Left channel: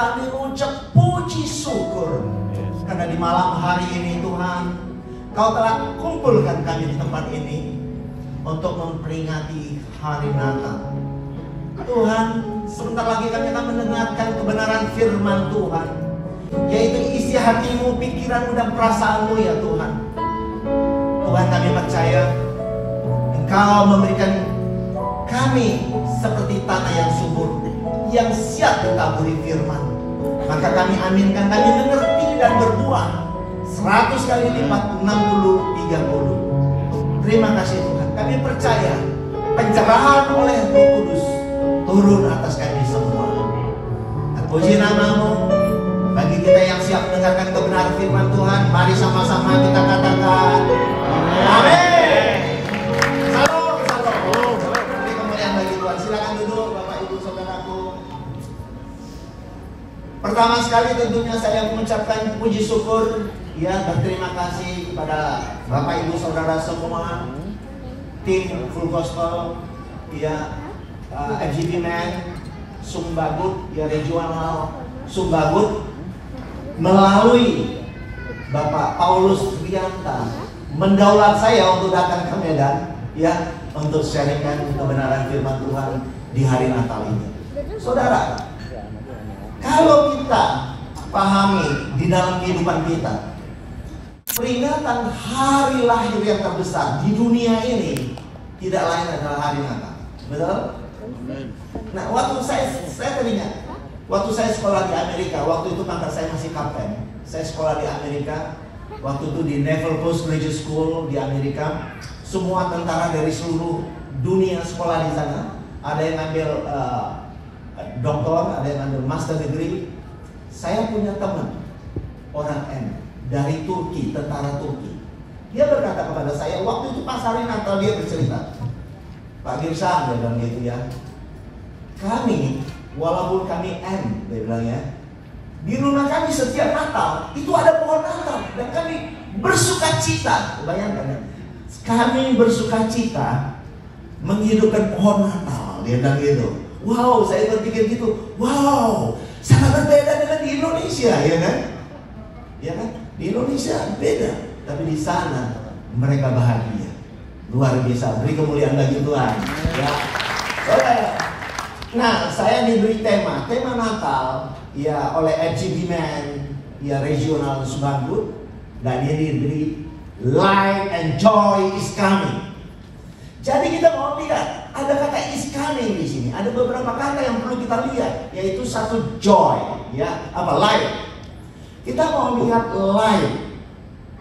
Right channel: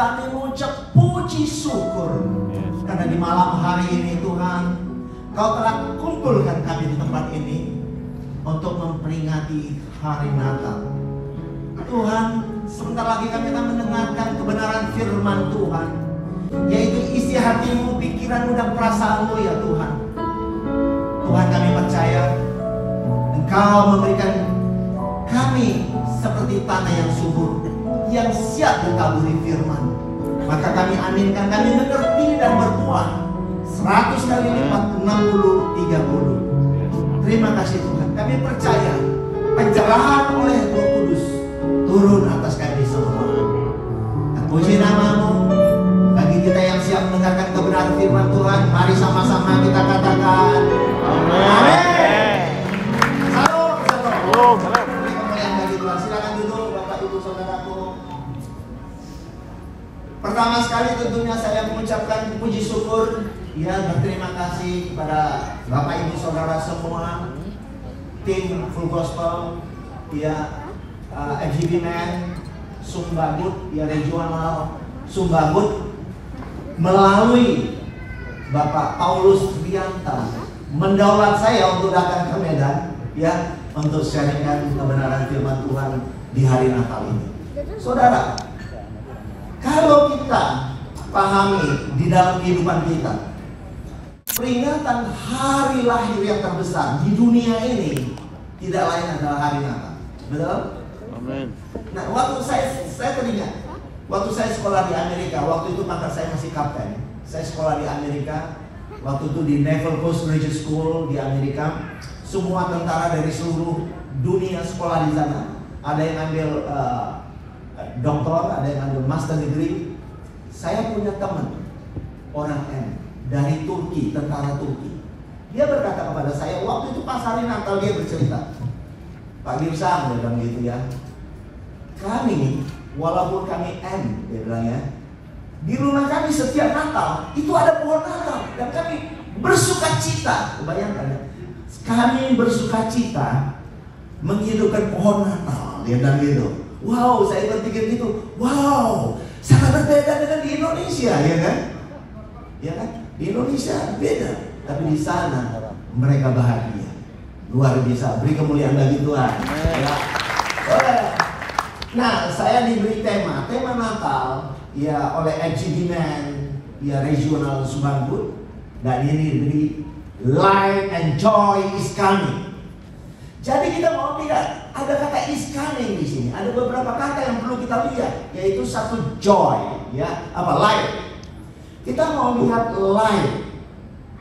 kami mengucap puji syukur karena di malam hari ini Tuhan, Kau telah kumpulkan kami di tempat ini untuk memperingati hari Natal. Tuhan, sebentar lagi kami akan mendengarkan kebenaran firman Tuhan, yaitu isi hatimu, pikiranmu, dan perasaanmu ya Tuhan. Tuhan, kami percaya Engkau memberikan kami seperti tanah yang subur, yang siap ditaburi firman. Maka kami aminkan, kami mengerti dan berbuah 100 kali lipat, 60, 30. Terima kasih Tuhan. Kami percaya pencerahan oleh Roh Kudus turun atas kami semua. Terpuji nama-Mu. Bagi kita yang siap mendengarkan kebenaran firman Tuhan, mari sama-sama kita katakan amin. Salam, salam. Beri kemuliaan bagi Tuhan. Silakan duduk Bapak Ibu Saudaraku. Pertama sekali tentunya saya mengucapkan puji syukur, ya, berterima kasih kepada Bapak Ibu Saudara semua, tim Full Gospel, ya, FGB Man, Sumbagut, ya, regional Sumbagut, melalui Bapak Paulus Rianta mendaulat saya untuk datang ke Medan, ya, untuk sharingkan kebenaran firman Tuhan di hari Natal ini. Saudara, kalau kita pahami di dalam kehidupan kita, peringatan hari lahir yang terbesar di dunia ini tidak lain adalah hari Natal. Betul? Nah, waktu saya teringat, waktu saya sekolah di Amerika, waktu itu maka saya masih kapten. Saya sekolah di Amerika, waktu itu di Naval Postgraduate School di Amerika. Semua tentara dari seluruh dunia sekolah di sana. Ada yang ambil doktor, ada yang ambil master degree. Saya punya teman, orang M, dari Turki, tentara Turki. Dia berkata kepada saya, waktu itu pas hari Natal dia bercerita, Pak Girsang, dia bilang gitu ya, kami, walaupun kami M, dia bilang ya, di rumah kami setiap Natal itu ada pohon Natal dan kami bersuka cita. Bayangkan ya, kami bersuka cita menghidupkan pohon Natal. Dia bilang gitu. Wow, saya berpikir gitu. Wow, sangat berbeda dengan di Indonesia, ya kan? Ya kan? Di Indonesia beda, tapi di sana mereka bahagia. Luar biasa. Beri kemuliaan bagi Tuhan. Ya. Nah, saya diberi tema Natal, ya, oleh FGB Man, ya, regional Sumbagut, dan ini diberi Light and Joy is Coming. Jadi kita mau lihat ada kata is coming di sini. Ada beberapa kata yang perlu kita lihat, yaitu satu joy, ya, apa light. Kita mau lihat light,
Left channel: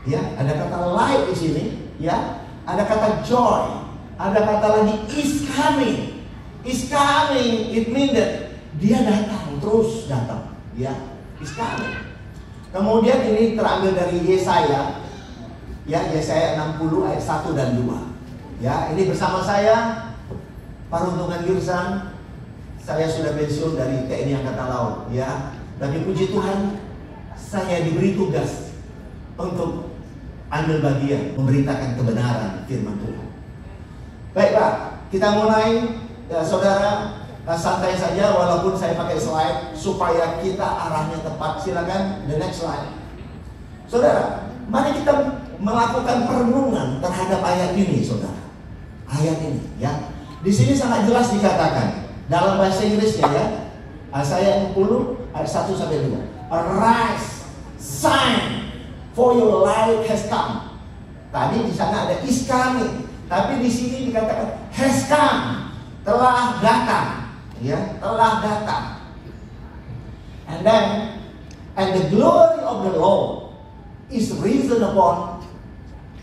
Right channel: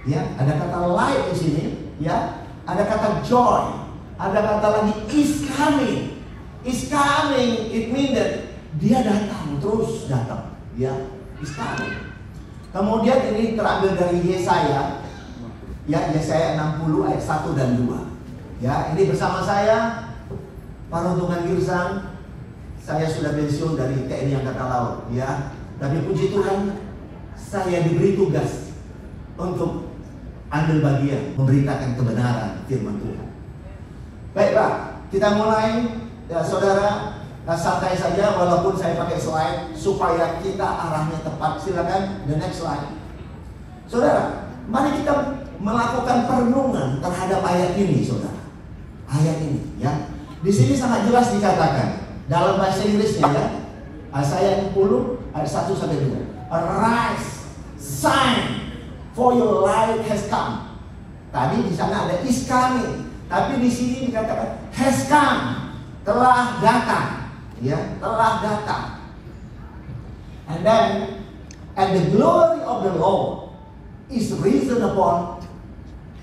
ya, ada kata light di sini, ya, ada kata joy, ada kata lagi is coming. Is coming, it means that dia datang, terus datang, ya, is coming. Kemudian ini terambil dari Yesaya, ya, Yesaya 60 ayat 1 dan 2. Ya, ini bersama saya, Paruntungan Girsang. Saya sudah pensiun dari TNI Angkatan Laut, ya. Tapi puji Tuhan, saya diberi tugas untuk ambil bagian memberitakan kebenaran firman Tuhan. Baiklah, kita mulai, ya, saudara, santai saja walaupun saya pakai slide supaya kita arahnya tepat. Silakan the next slide. Saudara, mari kita melakukan perenungan terhadap ayat ini, saudara. Ayat ini, ya. Di sini sangat jelas dikatakan dalam bahasa Inggrisnya, ya. Yesaya 60 ayat 1 sampai 2. Arise, shine, for your light has come. Tadi di sana ada is coming, tapi di sini dikatakan has come, telah datang, ya, telah datang. And then, and the glory of the Lord is risen upon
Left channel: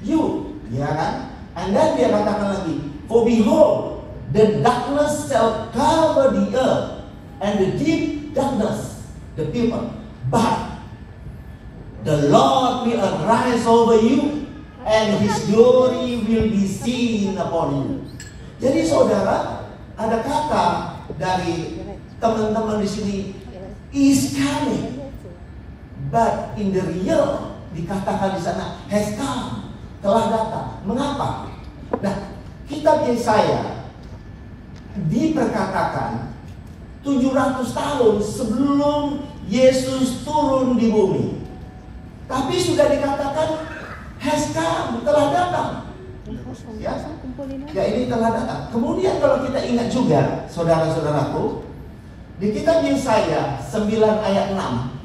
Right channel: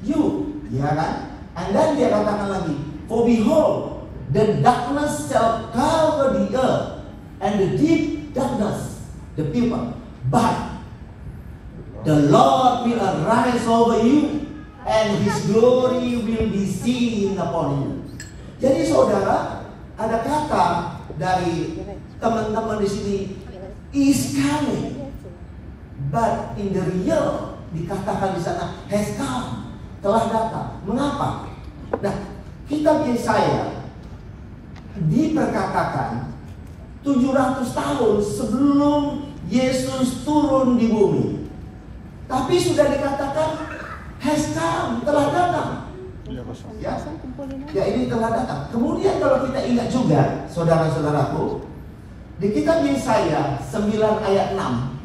you, ya kan? And then dia katakan lagi, for behold, the darkness shall cover the earth, and the deep darkness the people. But the Lord will arise over you, and His glory will be seen upon you. Jadi saudara, ada kata dari teman-teman di sini, is coming, but in the real dikatakan di sana has come, telah datang. Mengapa? Nah, kitab Yesaya diperkatakan 700 tahun sebelum Yesus turun di bumi. Tapi sudah dikatakan has come, telah datang. Ya, ya ini telah datang. Kemudian kalau kita ingat juga, saudara-saudaraku, di kitab Yesaya 9 ayat 6,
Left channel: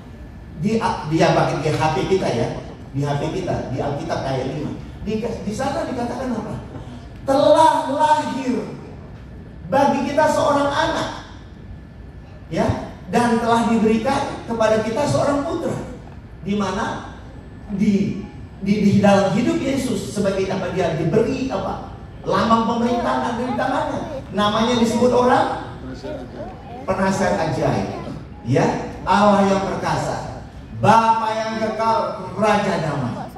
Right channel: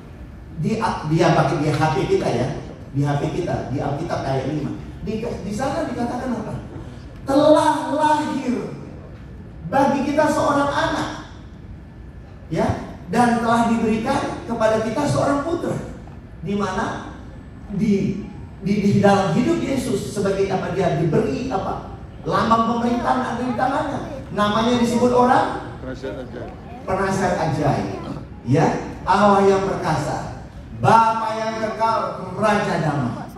di HP kita ya, di HP kita, di Alkitab ayat 5. Di sana dikatakan apa? Telah lahir bagi kita seorang anak, ya, dan telah diberikan kepada kita seorang putra, di mana di dalam hidup Yesus sebagai apa, dia diberi apa, lambang pemerintahan ada di tangannya. Namanya disebut orang penasihat ajaib, ya, Allah yang perkasa, Bapa yang kekal, Raja damai.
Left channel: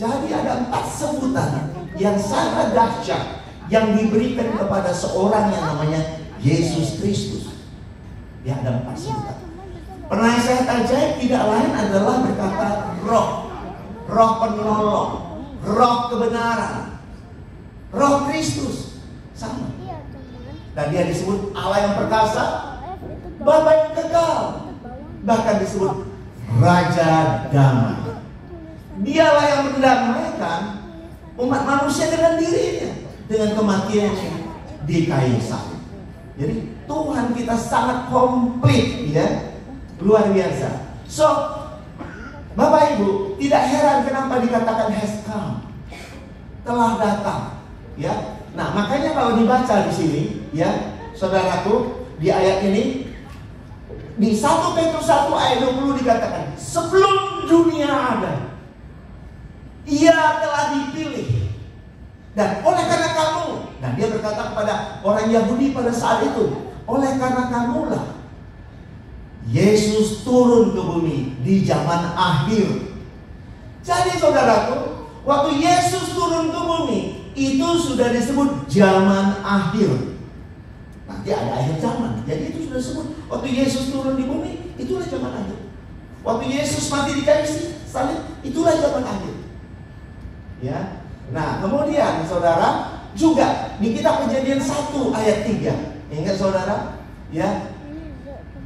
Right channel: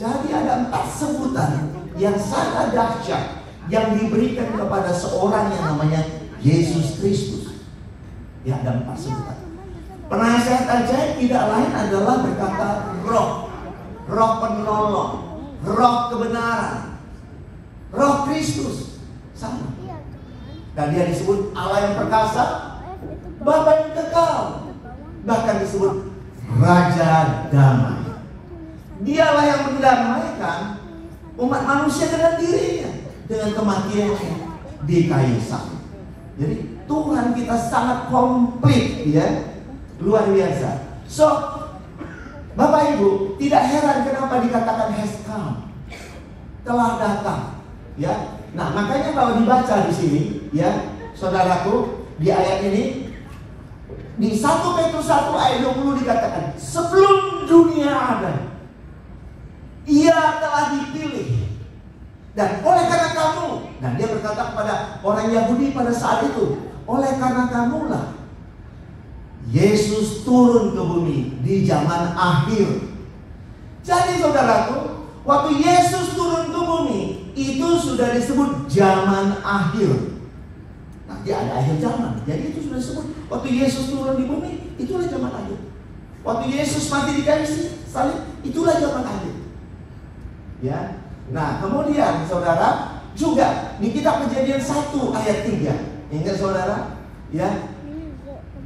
Jadi ada 4 sebutan yang sangat dahsyat yang diberikan kepada seorang yang namanya Yesus Kristus. Ya, ada 4 sebutan. Penasihat ajaib tidak lain adalah berkata Roh, Roh penolong, Roh kebenaran, Roh Kristus, sama. Dan dia disebut Allah yang perkasa, Bapa yang kekal, bahkan disebut Raja damai. Dialah yang mendamaikan umat manusia dengan dirinya, dengan kematian di kayu salib. Jadi Tuhan kita sangat komplit, ya, luar biasa. So, Bapak Ibu, tidak heran kenapa dikatakan has come, telah datang, ya. Nah, makanya kalau dibaca di sini, ya, saudaraku, di ayat ini, di 1 Petrus 1 ayat 20 dikatakan, sebelum dunia ada, Ia telah dipilih, dan oleh karena kamu, nah dia berkata kepada orang Yahudi pada saat itu, oleh karena kamulah Yesus turun ke bumi di zaman akhir. Jadi saudaraku, waktu Yesus turun ke bumi, itu sudah disebut zaman akhir. Nanti ada akhir zaman. Jadi itu sudah disebut waktu Yesus turun di bumi, itulah zaman akhir. Waktu Yesus mati di kayu salib, itulah zaman akhir. Ya. Nah, kemudian saudara, juga di kitab Kejadian 1 ayat 3. Ingat saudara? Ya.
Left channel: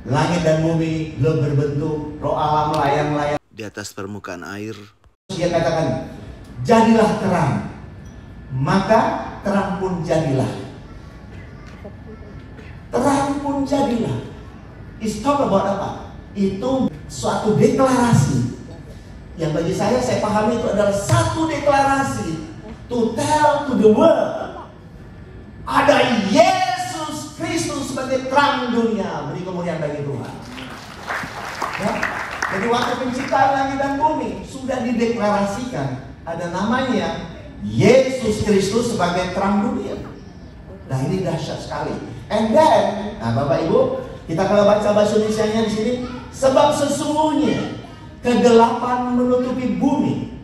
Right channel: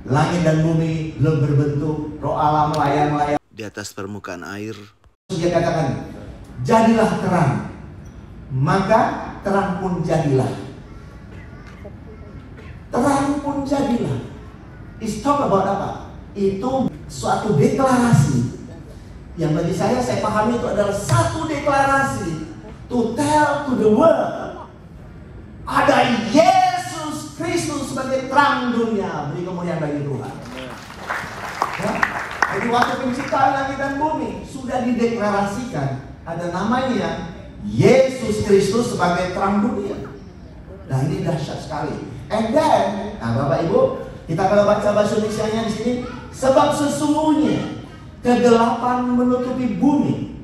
Langit dan bumi belum berbentuk, roh Allah melayang-layang di atas permukaan air. Dia katakan, jadilah terang, maka terang pun jadilah. Terang pun jadilah. It's talk about apa? Itu suatu deklarasi yang bagi saya pahami itu adalah satu deklarasi to tell to the world, ada Yesus Kristus sebagai terang dunia, beri kemuliaan bagi Tuhan. Ya? Jadi waktu penciptaan langit dan bumi sudah dideklarasikan ada namanya Yesus Kristus sebagai terang dunia. Nah, ini dahsyat sekali. And then, nah Bapak Ibu, kita kalau baca bahasa Indonesianya di sini, sebab sesungguhnya kegelapan menutupi bumi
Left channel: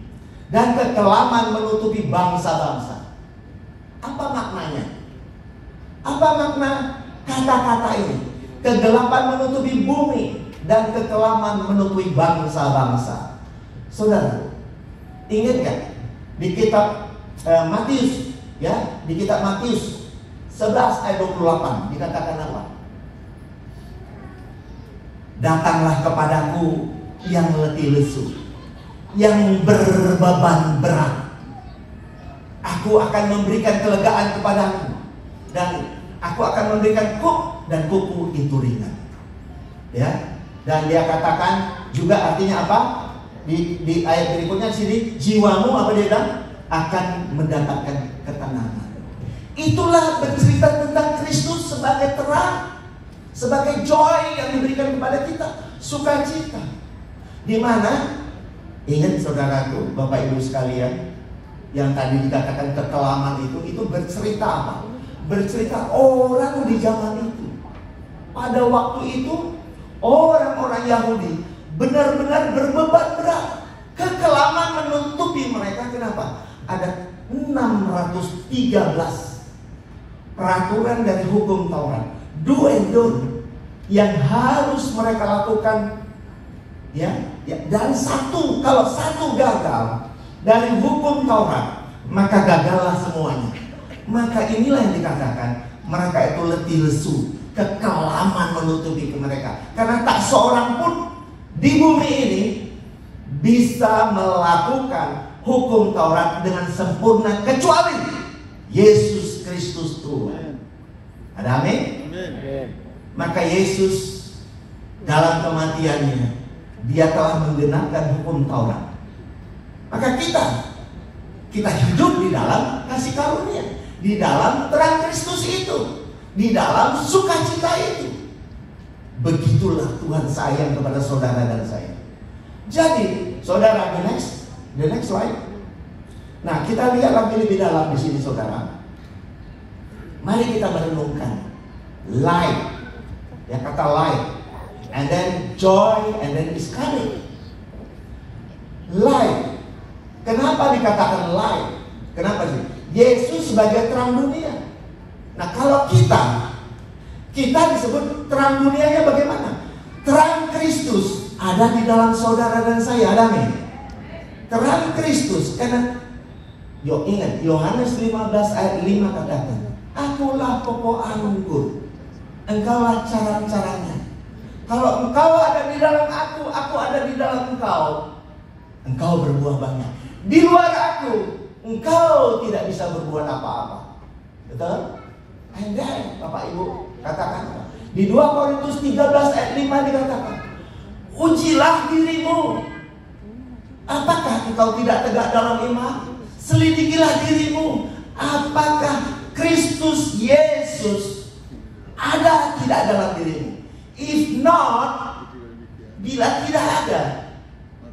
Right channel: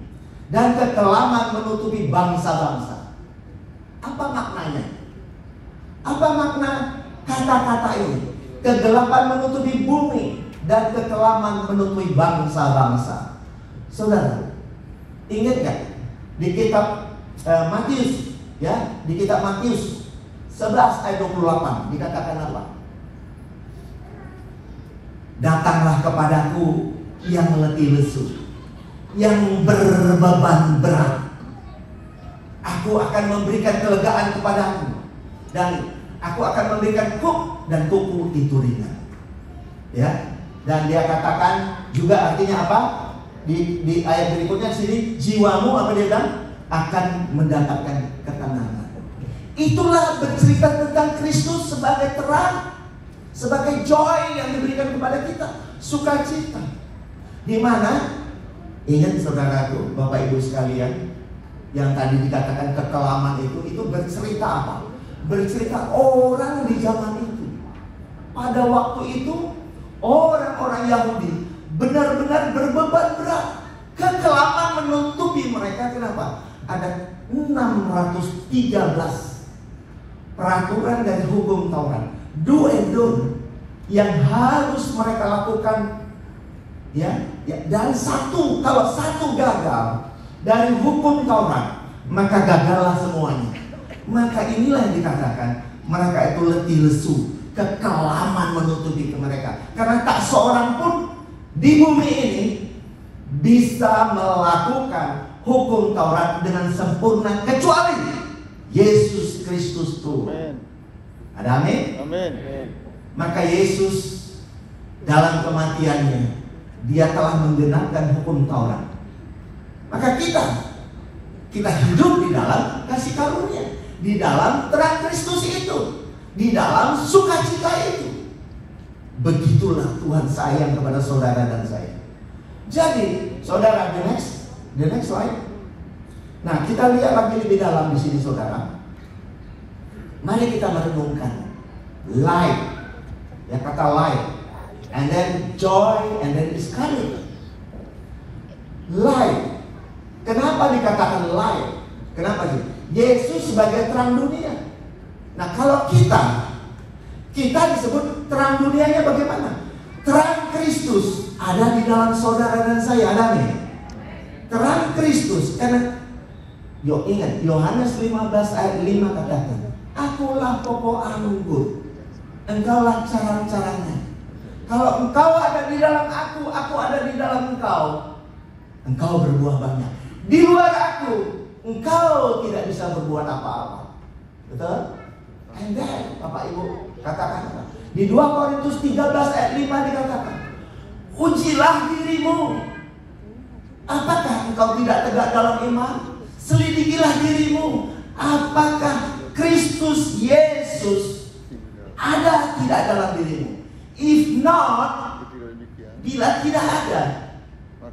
dan kekelaman menutupi bangsa-bangsa. Apa maknanya? Apa makna kata-kata ini? Kegelapan menutupi bumi dan kekelaman menutupi bangsa-bangsa. Saudara, ingat gak di kitab Matius, ya, di kitab Matius 11 ayat 28 dikatakan apa? Datanglah kepadaku yang letih lesu, yang berbeban berat, aku akan memberikan kelegaan kepadamu, dan aku akan memberikan dan kuku itu ringan. Ya, dan dia katakan juga artinya apa? Di ayat berikutnya sini, jiwamu apa dia bilang? Akan mendapatkan ketenangan. Itulah bercerita tentang Kristus sebagai terang, sebagai joy yang diberikan kepada kita, sukacita. Di mana, ingat saudaraku, Bapak Ibu sekalian, yang tadi dikatakan kekelaman itu bercerita apa? Bercerita orang di zaman itu. Pada waktu itu, orang-orang Yahudi benar-benar berbeban berat. Kekelaman menutupi mereka. Kenapa? Ada 613 peraturan dari hukum Taurat, do and don't, yang harus mereka lakukan, ya, dan kalau satu gagal dari hukum Taurat, maka gagallah semuanya. Maka inilah yang dikatakan mereka itu letih lesu, kekelaman menutupi mereka, karena tak seorang pun di bumi ini bisa melakukan hukum Taurat dengan sempurna kecuali Yesus Kristus Tuhan. Ada amin? Maka Yesus dalam kematiannya, dia telah menggenapkan hukum Taurat. Maka kita hidup di dalam kasih karunia, di dalam terang Kristus itu, di dalam sukacita itu. Begitulah Tuhan sayang kepada saudara dan saya. Jadi, saudara, the next slide. Nah, kita lihat lagi lebih dalam di sini, saudara. Mari kita merenungkan light, yang kata light, and then joy, and then is coming. Light. Kenapa dikatakan light? Kenapa sih? Yesus sebagai terang dunia. Nah, kalau kita disebut terang dunianya bagaimana? Terang Kristus ada di dalam saudara dan saya. Ada nih? Terang Kristus. Karena ingat Yohanes 15 ayat 5 katakan, akulah pokok anggur, engkaulah carang-carangnya. Kalau engkau ada di dalam aku ada di dalam engkau, engkau berbuah banyak. Di luar aku, engkau tidak bisa berbuat apa-apa. Betul? And then, Bapak Ibu, katakan di 2 Korintus 13 ayat 5 dikatakan, ujilah dirimu. Apakah engkau tidak tegak dalam iman? Selidikilah dirimu. Apakah Kristus Yesus ada tidak dalam dirimu? If not, bila tidak ada,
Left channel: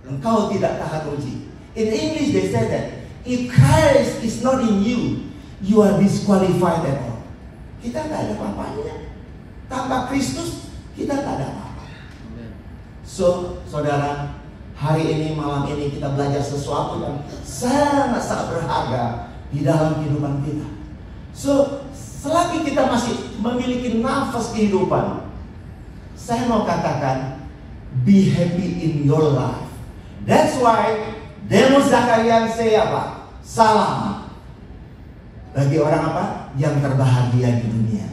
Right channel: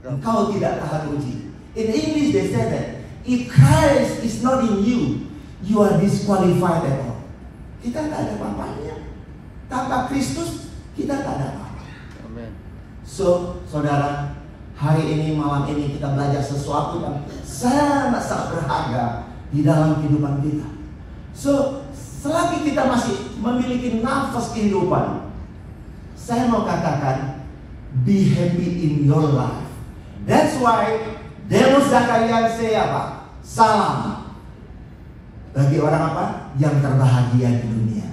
engkau tidak tahan uji. In English they say that if Christ is not in you, you are disqualified at all. Kita tidak ada apa-apanya. Tanpa Kristus kita tidak ada apa-apa. So, saudara, hari ini, malam ini kita belajar sesuatu yang sangat-sangat berharga di dalam kehidupan kita. So, selagi kita masih memiliki nafas kehidupan, saya mau katakan, be happy in your life. That's why Demus Zakarian say apa? Salam bagi orang apa? Yang terbahagia di dunia.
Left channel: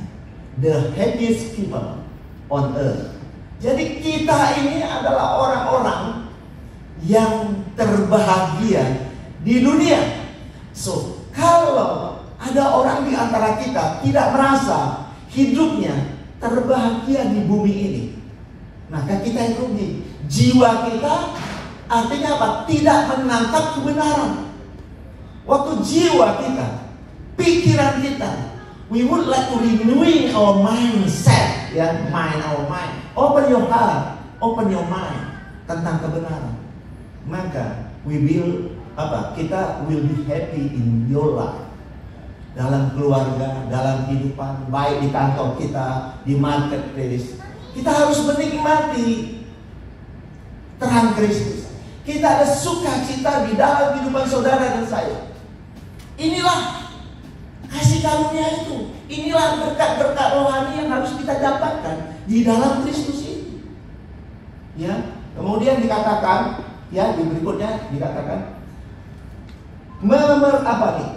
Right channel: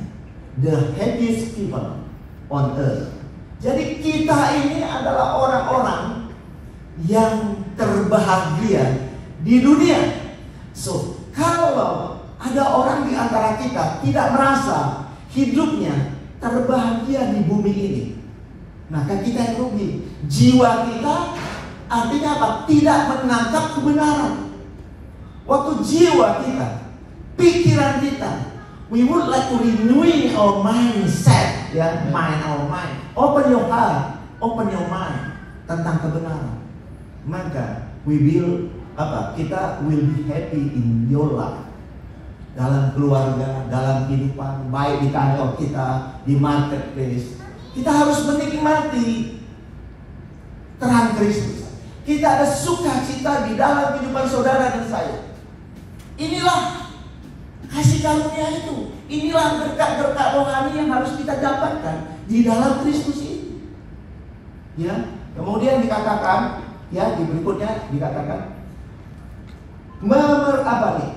The happiest people on earth. Jadi kita ini adalah orang-orang yang terbahagia di dunia. So, kalau ada orang di antara kita tidak merasa hidupnya terbahagia di bumi ini, maka kita yang rugi. Jiwa kita artinya apa? Tidak menangkap kebenaran. Waktu jiwa kita, pikiran kita, we would like to renew our mindset, ya, our mind. Open your heart, open your mind tentang kebenaran. Maka we will kita will be happy in your life. Dalam keluarga, dalam kehidupan, baik di kantor kita, di marketplace, kita harus menikmati terang Kristus. Kita ada sukacita di dalam kehidupan saudara dan saya. Inilah kasih karunia itu. Inilah berkat-berkat rohani yang harus kita dapatkan di dalam Kristus ini. Ya, kemudian dikatakan, ya, di berikutnya dikatakan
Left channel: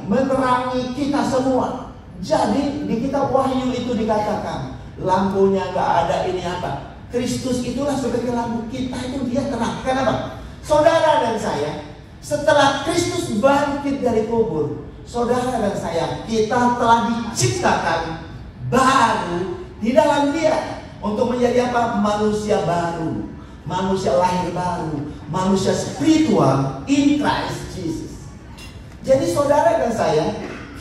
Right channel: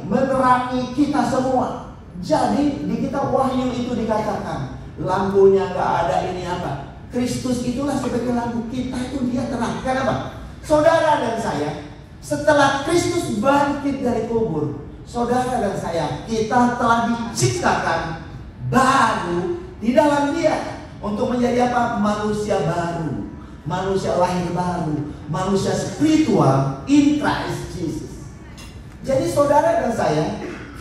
menerangi kita semua. Jadi di kitab Wahyu itu dikatakan lampunya nggak ada, ini apa? Kristus itulah sebagai lampu kita, itu dia terang. Kenapa? Saudara dan saya, setelah Kristus bangkit dari kubur, saudara dan saya, kita telah diciptakan baru di dalam dia untuk menjadi apa? Manusia baru, manusia lahir baru, manusia spiritual in Christ Jesus. Jadi saudara dan saya,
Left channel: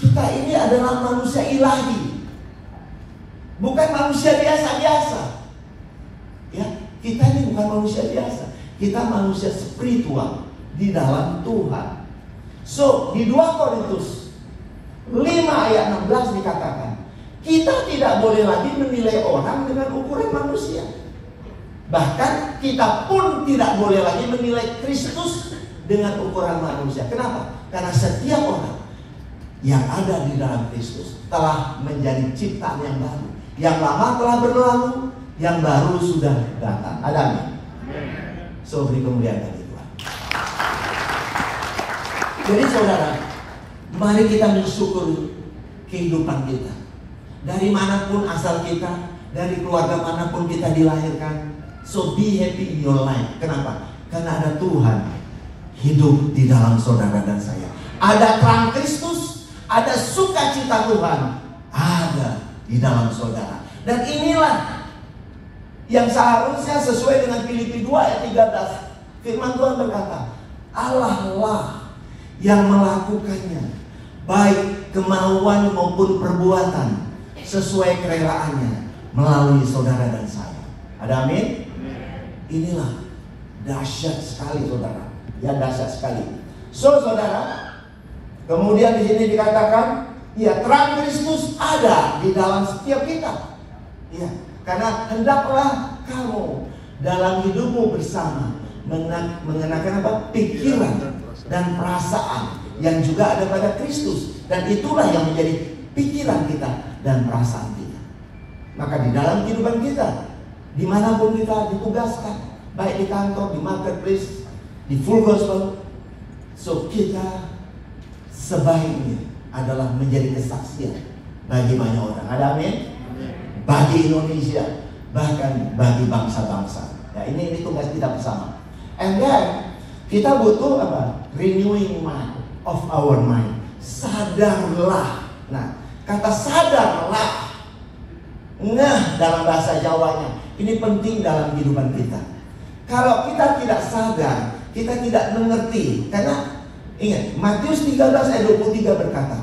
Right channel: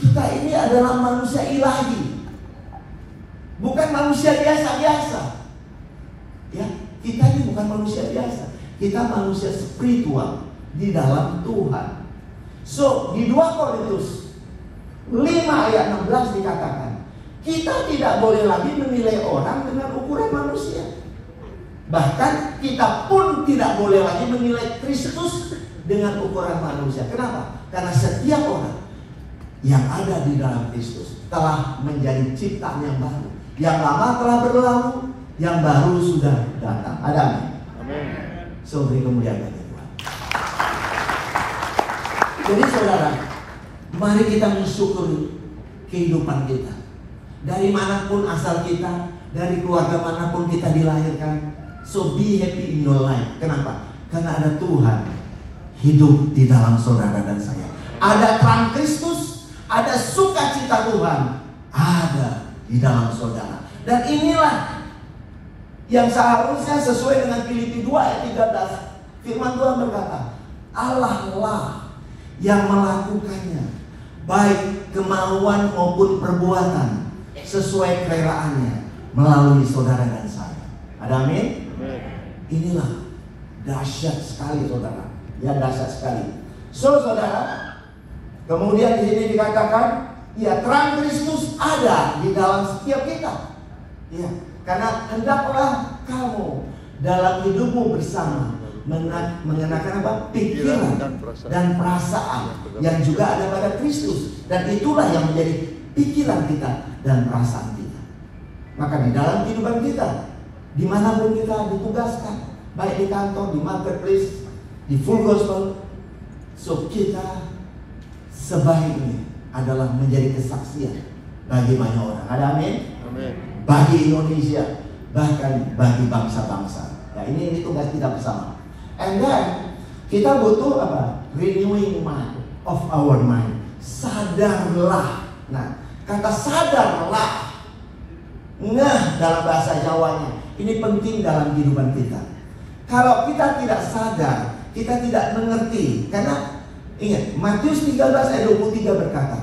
kita ini adalah manusia ilahi, bukan manusia biasa-biasa. Ya, kita ini bukan manusia biasa, kita manusia spiritual di dalam Tuhan. So, di 2 Korintus 5 ayat 16 dikatakan, kita tidak boleh lagi menilai orang dengan ukuran manusia. Bahkan kita pun tidak boleh lagi menilai Kristus dengan ukuran manusia. Kenapa? Karena setiap orang yang ada di dalam Kristus telah menjadi ciptaan yang baru. Yang lama telah berlalu, yang baru sudah datang. Ada amin? So, beri kemuliaan bagi Tuhan. Jadi saudara, mari kita mensyukuri kehidupan kita. Dari manapun asal kita, dari keluarga manapun kita dilahirkan, So be happy in your life. Kenapa? Karena ada Tuhan hidup di dalam saudara dan saya. Ada terang Kristus, ada sukacita Tuhan, ada di dalam saudara. Dan inilah yang seharusnya sesuai dengan Filipi 2 ayat 13. Firman Tuhan berkata, Allah lah yang melakukannya, baik kemauan maupun perbuatan, sesuai kerelaannya melalui saudara dan saya. Ada amin? Inilah dahsyat sekali saudara. Ya, dahsyat sekali. So saudara, kemudian di sini dikatakan, ya, terang Kristus ada di dalam setiap kita. Ya, karena hendaklah kamu dalam hidupmu bersama mengenakan apa? Pikiran dan perasaan yang juga ada pada Kristus, dan itulah yang menjadi pikiran kita dan perasaan kita. Maka di dalam kehidupan kita, dimanapun kita ditugaskan, baik di kantor, di marketplace, di full gospel, so kita sebaiknya adalah menjadi kesaksian bagi banyak orang. Ada amin? Bagi Indonesia, bahkan bagi bangsa-bangsa. Ya, ini tugas kita bersama. And then kita butuh apa? Renewing mind of our mind. Sadarlah. Nah, kata sadarlah, nah, dalam bahasa Jawanya ini penting dalam kehidupan kita. Kalau kita tidak sadar, kita tidak mengerti. Karena ingat, Matius 13 ayat 23 berkata,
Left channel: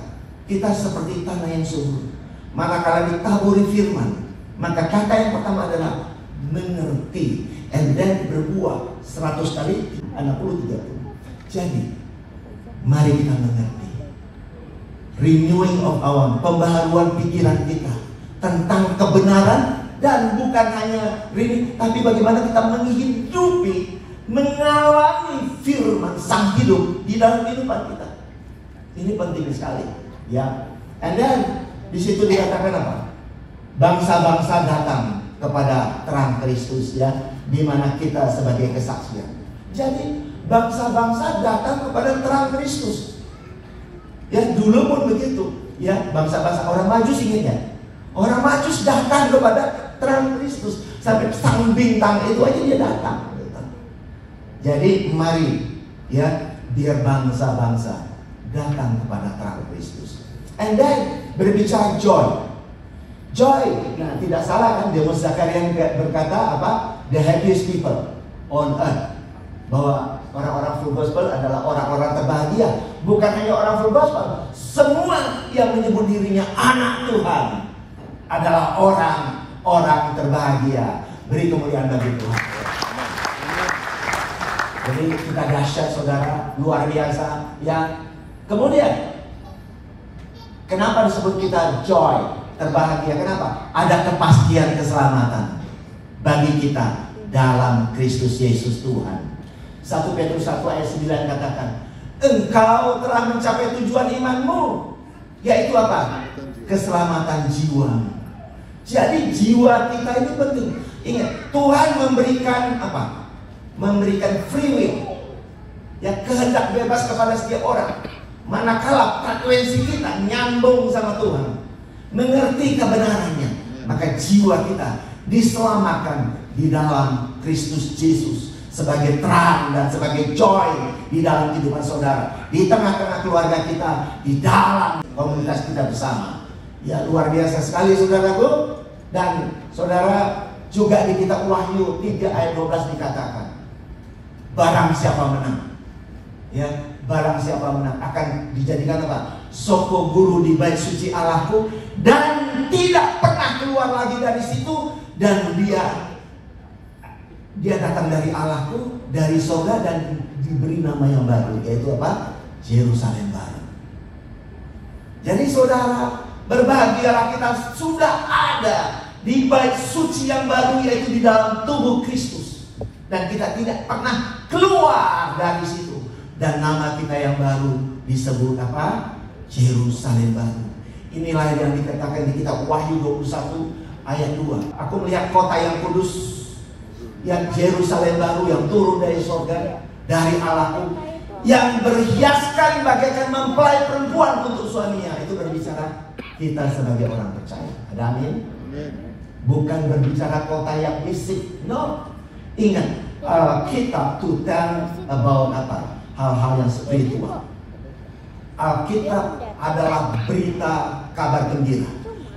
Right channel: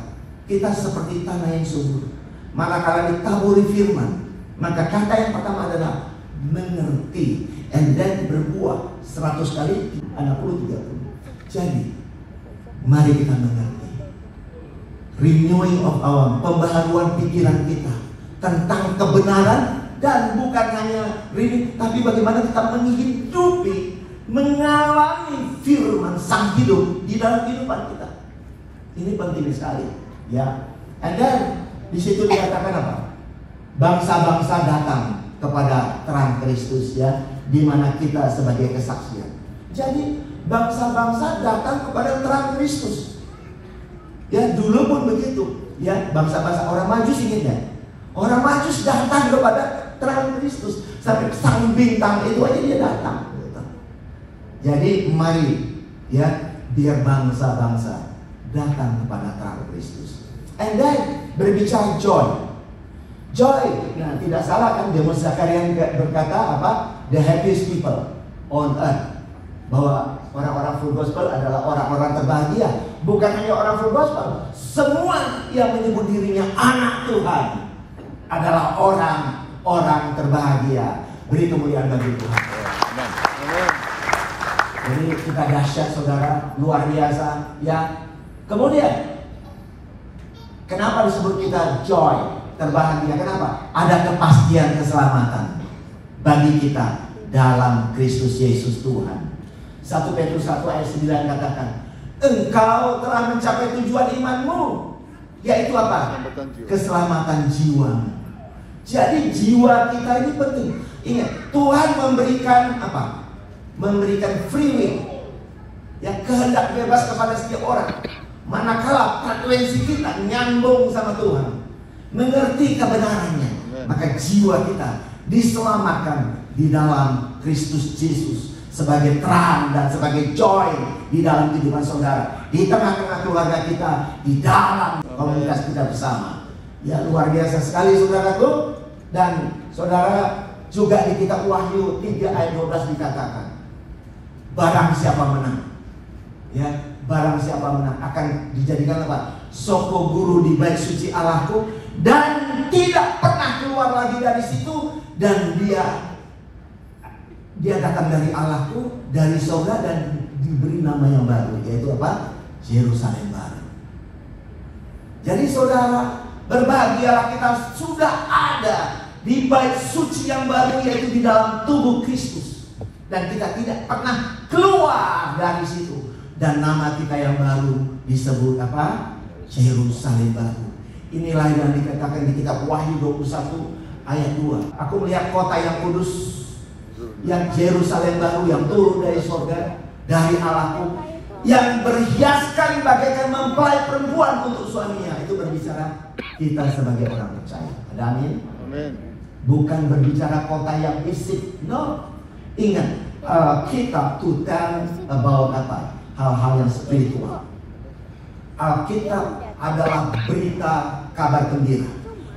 kita seperti tanah yang subur, manakala ditaburi firman, maka kata yang pertama adalah mengerti, and then berbuah 100 kali, 60, 30. Jadi mari kita mengerti. Renewing of our, pembaharuan pikiran kita tentang kebenaran. Dan bukan hanya ini, tapi bagaimana kita menghidupi, mengalami firman sang hidup di dalam kehidupan kita. Ini penting sekali, ya. And then di situ dikatakan apa? Bangsa-bangsa datang kepada terang Kristus, ya, di mana kita sebagai kesaksian. Jadi bangsa-bangsa datang kepada terang Kristus. Ya, dulu pun begitu, ya, bangsa-bangsa orang Majus ingatnya. Orang Majus datang kepada terang Kristus, sampai sang bintang itu aja dia datang. Jadi mari, ya, biar bangsa-bangsa datang kepada terang Kristus. And then berbicara joy. Joy, nah tidak salah kan, Demus Zakaria berkata apa? The happiest people on earth. Bahwa orang-orang full gospel adalah orang-orang terbahagia. Bukan hanya orang full gospel, semua yang menyebut dirinya anak Tuhan adalah orang terbahagia. Beri kemuliaan bagi Tuhan. Jadi kita dahsyat saudara, luar biasa, ya. Kemudian kenapa disebut kita joy, terbahagia? Kenapa? Ada kepastian keselamatan bagi kita dalam Kristus Yesus Tuhan. 1 Petrus 1 ayat 9 katakan, engkau telah mencapai tujuan imanmu, yaitu apa? Keselamatan jiwa. Jadi jiwa kita ini penting. Ingat, Tuhan memberikan apa? Memberikan free will, ya, kehendak bebas kepada setiap orang. Manakala frekuensi kita nyambung sama Tuhan, mengerti kebenarannya, maka jiwa kita diselamatkan di dalam Kristus Yesus sebagai terang dan sebagai joy di dalam kehidupan saudara, di tengah-tengah keluarga kita, di dalam komunitas kita bersama. Ya, luar biasa sekali saudaraku. Dan saudara, juga di kitab Wahyu 3 ayat 12 dikatakan, barang siapa menang, ya, barang siapa menang akan dijadikan apa? Soko guru di bait suci Allahku, dan tidak pernah keluar lagi dari situ, dan dia datang dari Allahku, dari surga, dan diberi nama yang baru, yaitu apa? Yerusalem baru. Jadi saudara, berbahagialah kita sudah ada di bait suci yang baru, yaitu di dalam tubuh Kristus, dan kita tidak pernah keluar dari situ. Dan nama kita yang baru disebut apa? Yerusalem baru. Inilah yang dikatakan di kitab Wahyu 21 ayat 2. Aku melihat kota yang kudus, yang Yerusalem baru, yang turun dari surga, dari Allahku, yang berhiaskan bagaikan mempelai perempuan untuk suaminya. Itu berbicara kita sebagai orang percaya. Ada amin? Bukan berbicara kota yang fisik, no. Ingat, Alkitab to tell about apa? Hal-hal yang spiritual. Alkitab adalah berita kabar gembira.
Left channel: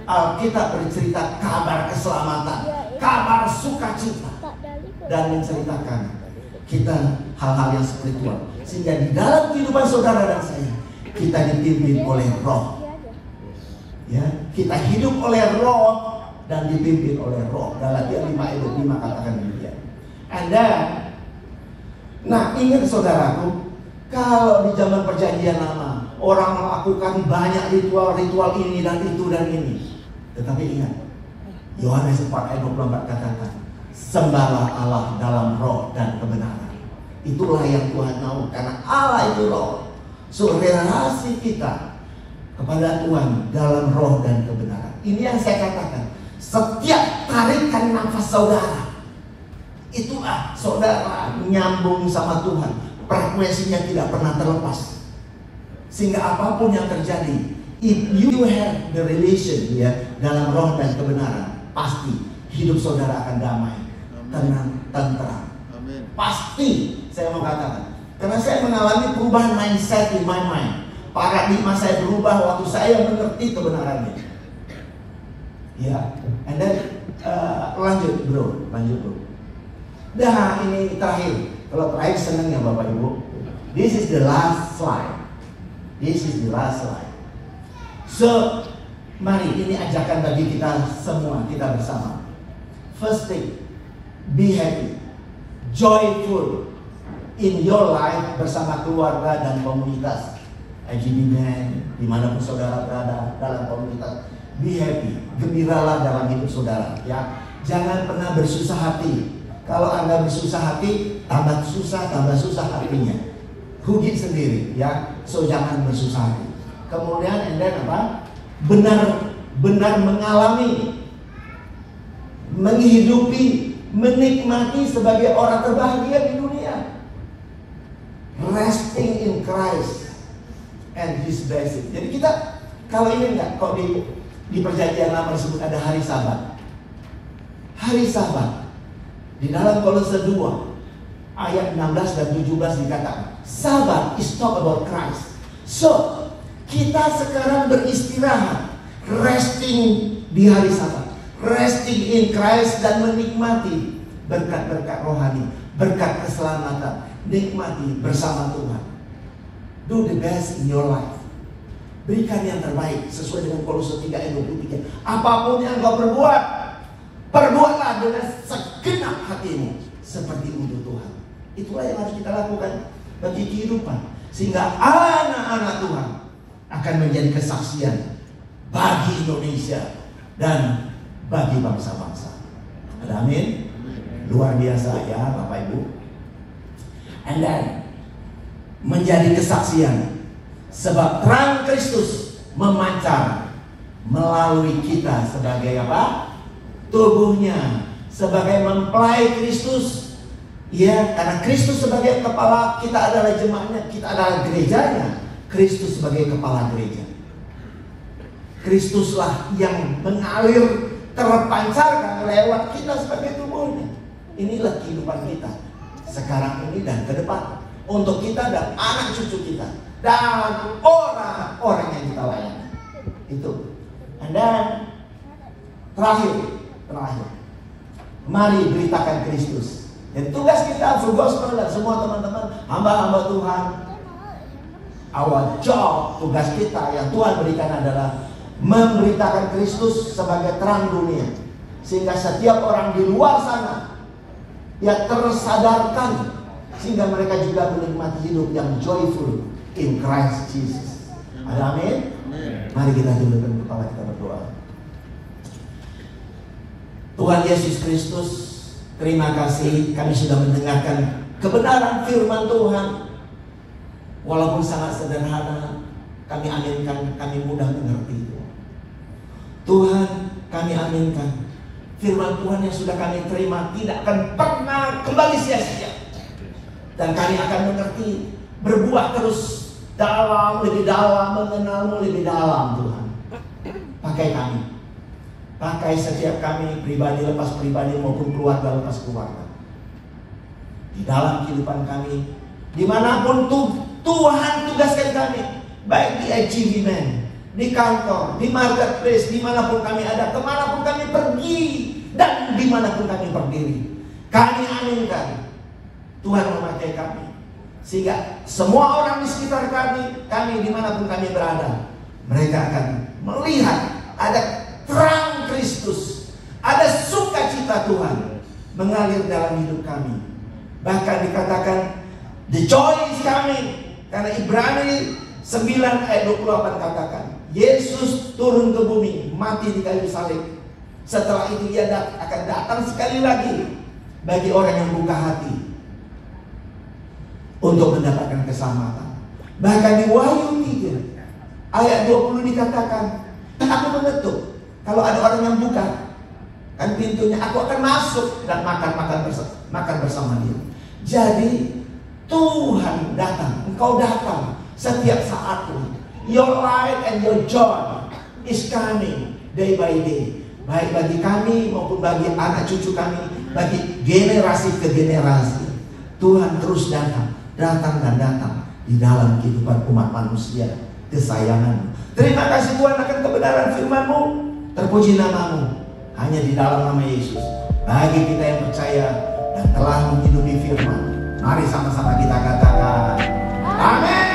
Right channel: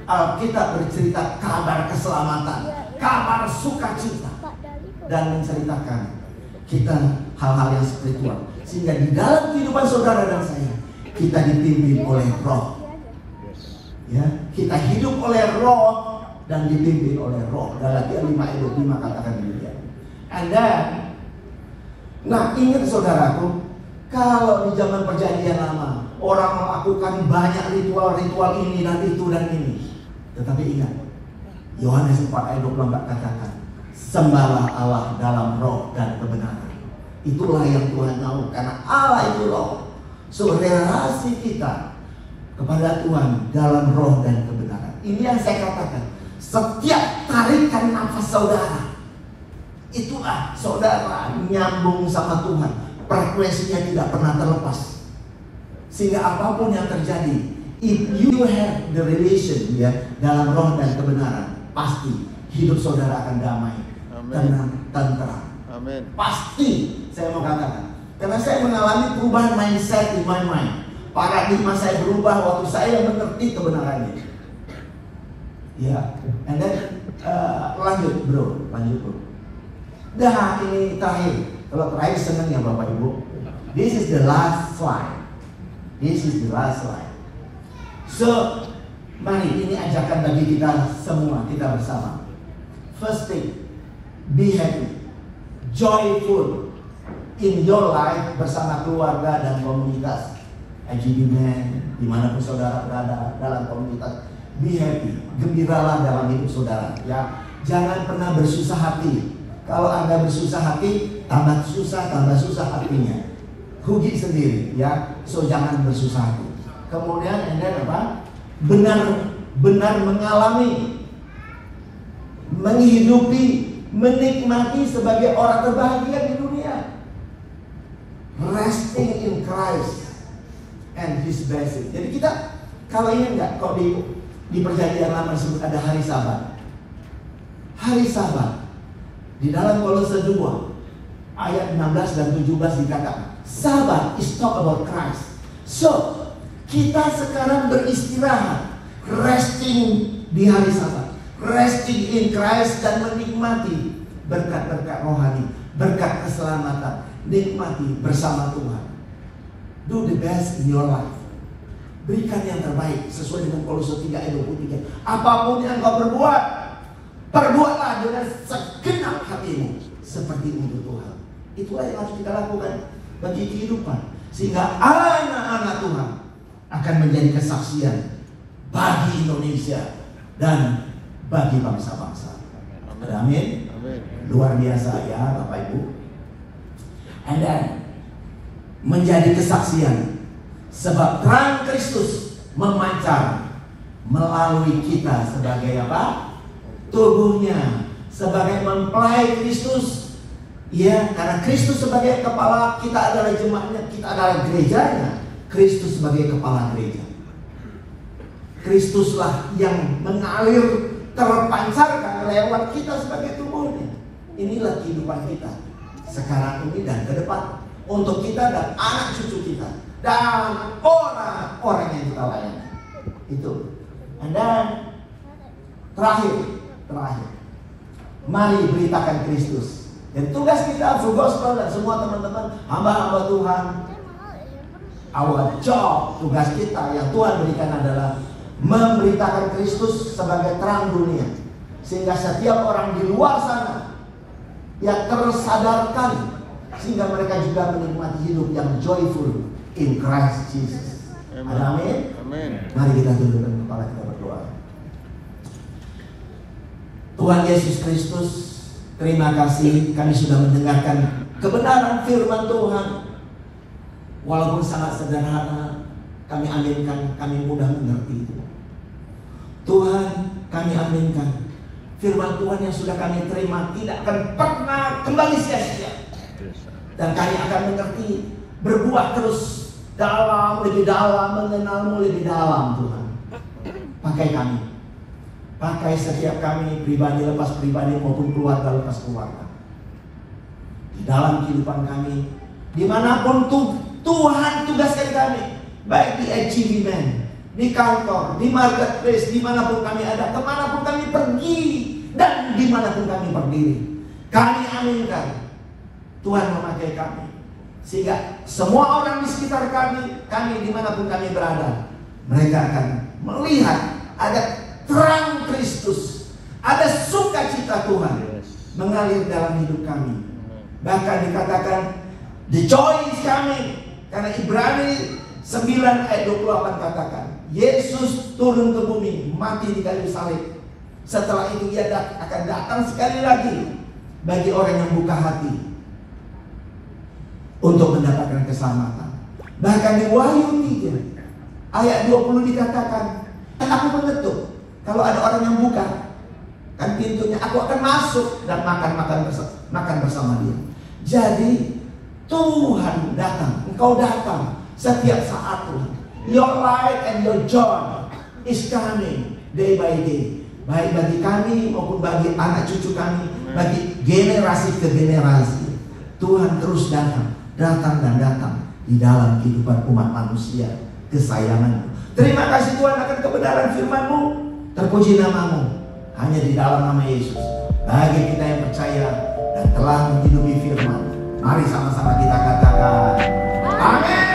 Alkitab bercerita kabar keselamatan, kabar sukacita, dan menceritakan kita hal-hal yang spiritual. Sehingga di dalam kehidupan saudara dan saya, kita dipimpin oleh Roh. Ya, kita hidup oleh Roh dan dipimpin oleh Roh. Galatia 5:5 katakan demikian. And then, nah ingat saudaraku, kalau di zaman perjanjian lama orang melakukan banyak ritual-ritual ini dan itu dan ini. Tetapi ingat, Yohanes 4:24 katakan, sembahlah Allah dalam roh dan kebenaran. Itulah yang Tuhan mau, karena Allah itu roh. So relasi kita kepada Tuhan dalam roh dan kebenaran. Ini yang saya katakan. Setiap tarikan nafas saudara, itulah saudara nyambung sama Tuhan. Frekuensinya tidak pernah terlepas. Sehingga apapun yang terjadi, if you have the relation ya dalam roh dan kebenaran, pasti hidup saudara akan damai, tenang, tentram. Pasti saya mau katakan, karena saya mengalami perubahan mindset in my mind. Paradigma saya berubah waktu saya mengerti kebenarannya. Ya, and then lanjut bro. Dah ini terakhir. Kalau terakhir senangnya Bapak Ibu. This is the last slide. So, mari ini ajakan bagi kita semua, kita bersama. First thing, be happy, joyful in your life bersama keluarga dan komunitas. IGB-nya, dimanapun saudara berada dalam komunitas, be happy, gembiralah dalam hidup saudara. Ya, jangan pernah bersusah hati. Kalau Anda bersusah hati, tambah susah hatinya. Rugi sendiri, ya. So jangan bersusah hati. Kemudian Anda apa? Benar mengalami, menghidupi, menikmati sebagai orang terbahagia di dunia. Resting in Christ and His blessing. Jadi kita kalau ini enggak, kok di perjanjian lama disebut ada hari Sabat. Hari Sabat di dalam Kolose 2 ayat 16 dan 17 dikatakan, Sabat is talk about Christ. So kita sekarang beristirahat, resting di hari Sabat, resting in Christ dan menikmati berkat-berkat rohani, berkat keselamatan, nikmati bersama Tuhan. Do the best in your life. Berikan yang terbaik sesuai dengan Kolose 3 ayat 23. Apapun yang kau berbuat, perbuatlah dengan segenap hatimu seperti untuk Tuhan. Itulah yang harus kita lakukan bagi kehidupan, sehingga anak-anak Tuhan akan menjadi kesaksian bagi Indonesia dan bagi bangsa-bangsa. Amin. Luar biasa ya Bapak Ibu. And then menjadi kesaksian sebab terang Kristus memancar melalui kita sebagai apa? Tubuhnya, sebagai mempelai Kristus. Ya, karena Kristus sebagai kepala, kita adalah jemaatnya, kita adalah gerejanya. Kristus sebagai kepala gereja. Kristuslah yang mengalir, terpancarkan lewat kita sebagai tubuhnya. Inilah kehidupan kita sekarang ini dan ke depan, untuk kita dan anak cucu kita dan orang-orang yang kita layani. Itu. And then terakhir, mari beritakan Kristus. Dan tugas kita full gospel dan semua teman-teman hamba-hamba Tuhan, our job, tugas kita yang Tuhan berikan adalah memberitakan Kristus sebagai terang dunia, sehingga setiap orang di luar sana yang tersadarkan, sehingga mereka juga menikmati hidup yang joyful in Christ Jesus. Amin. Mari kita tundukkan kepala kita berdoa. Tuhan Yesus Kristus, terima kasih kami sudah mendengarkan kebenaran firman Tuhan. Walaupun sangat sederhana, kami aminkan, kami mudah mengerti. Tuhan, kami aminkan firman Tuhan yang sudah kami terima tidak akan pernah kembali sia-sia. Dan kami akan mengerti, berbuah terus dalam, lebih dalam, mengenalmu lebih dalam Tuhan. Pakai kami. Pakai setiap kami, pribadi lepas pribadi maupun keluarga lepas keluarga. di dalam kehidupan kami, dimanapun Tuhan tugaskan kami, baik di achievement, di kantor, di marketplace, dimanapun kami ada, kemanapun kami pergi, dan dimanapun kami berdiri. Kami aminkan Tuhan memakai kami, sehingga semua orang di sekitar kami dimanapun kami berada, mereka akan melihat ada terang Kristus, ada sukacita Tuhan mengalir dalam hidup kami. Bahkan dikatakan the joy is coming, karena Ibrani 9 ayat 28 katakan Yesus turun ke bumi, mati di kayu salib. Setelah itu ia akan datang sekali lagi bagi orang yang buka hati untuk mendapatkan keselamatan. Bahkan di Wahyu 3 ayat 20 dikatakan, dan aku mengetuk, kalau ada orang yang buka kan pintunya, aku akan masuk dan makan bersama dia. Jadi Tuhan datang, engkau datang setiap saat. Your light and your joy is coming day by day, baik bagi kami maupun bagi anak cucu kami, bagi generasi ke generasi. Tuhan terus datang dan datang di dalam kehidupan umat manusia, kesayangan-Mu. Terima kasih Tuhan akan kebenaran firman-Mu. Terpuji nama-Mu. Hanya di dalam nama Yesus, bagi kita yang percaya dan telah menghidupi firman, mari sama-sama kita katakan amin.